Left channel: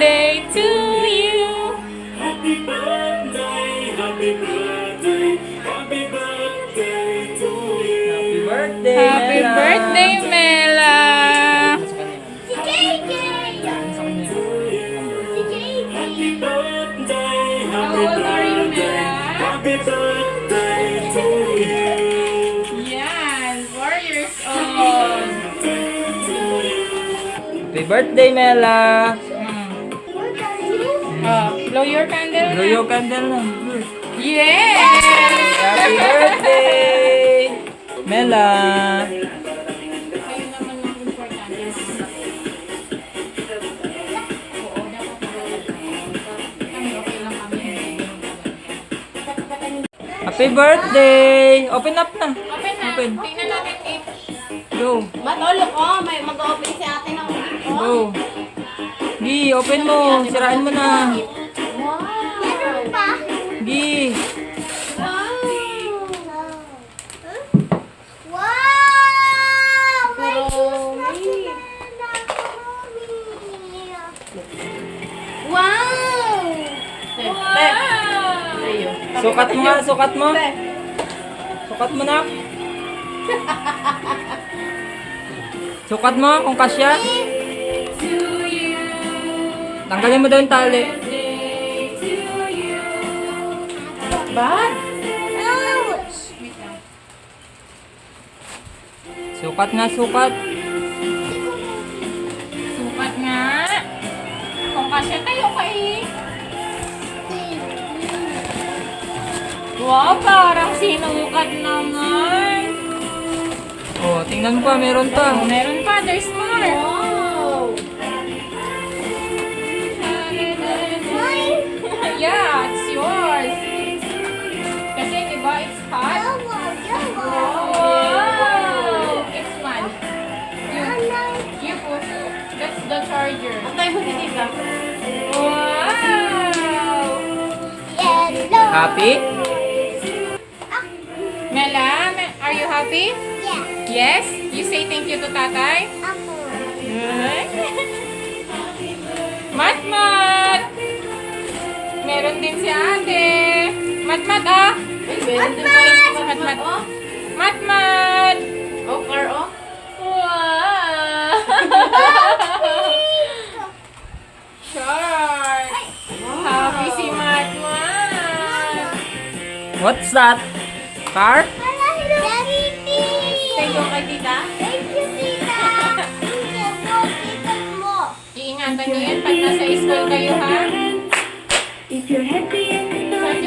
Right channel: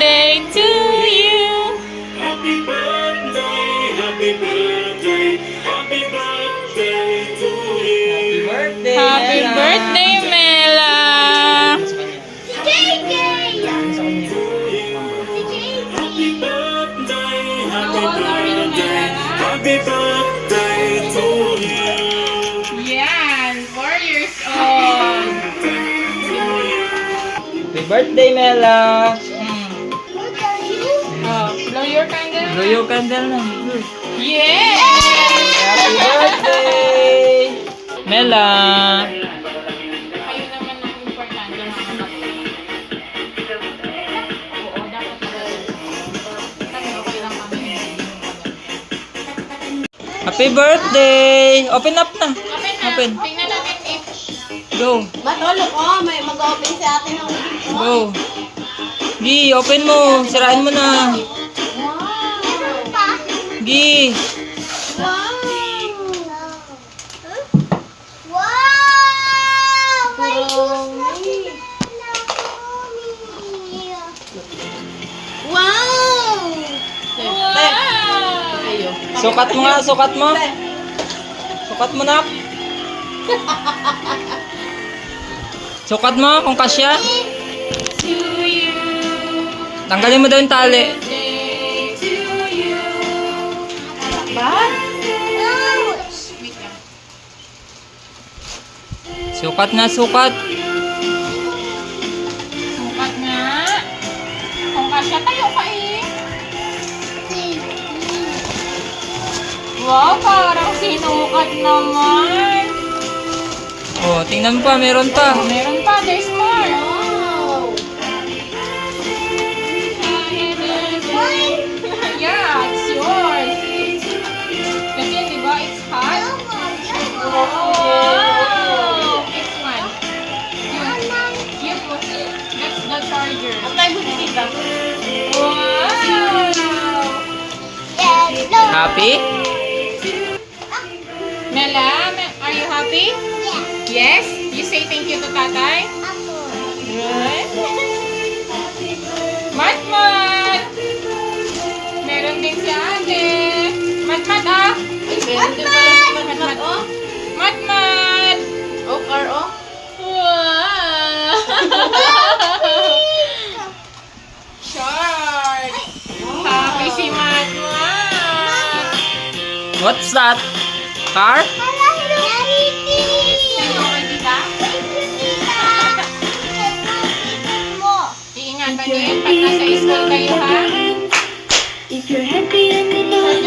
birthday to you. Happy birthday, happy birthday, happy birthday to you. Birthday, Happy Mela. birthday, Mela. Si JJ! Happy birthday, How old are you, Mela? happy birthday to you. Yan, 4 years old. Happy birthday, Mela. What are you? Oh, blow your candle. Blow your candle na. Yes! Happy birthday, Mela. Kayo naman ang importante, mga kapatid. Oo, dapat kami okay lang kami. Happy birthday. Open up na. Open na. Open. Tingnan natin if Go. Matulog ko, may mag-open si ate ng ulit ko. Go. Gi, open mo. Sirain mo na. Meron pa? Gi. Wow! May shoes na sila. Wow! wow! Sukat mo nga, sukat mo. Sukat mo na. Sukat mo kung kasya. To you. Tanggalin mo daw yung tali. Birthday to you. Wait lang. Sukat na, sukat. Sukat nga. Kung kasya tayo ka eh. Wow, parang sinukat naman. Oh, tingnan mo pa, meron pa. Oh, meron pa, there's more. Wow! Yeah, it's yours. Kasi di ba, it's hot. Wow! It's fun. You put it. That's the charger. Wow! Happy? Nala, are you happy? Yes? You say thank you to tatay? Good. Matmat! Meron din si ate. Matmat, ah! Matmat, oh! Matmat! Oh, car, oh. Wow! Shark! Happy si Matmat! What's that? Car? Thank you kay tita. Iingatan niyo yun pag nasa school kayo, ha? If you're happy and in love,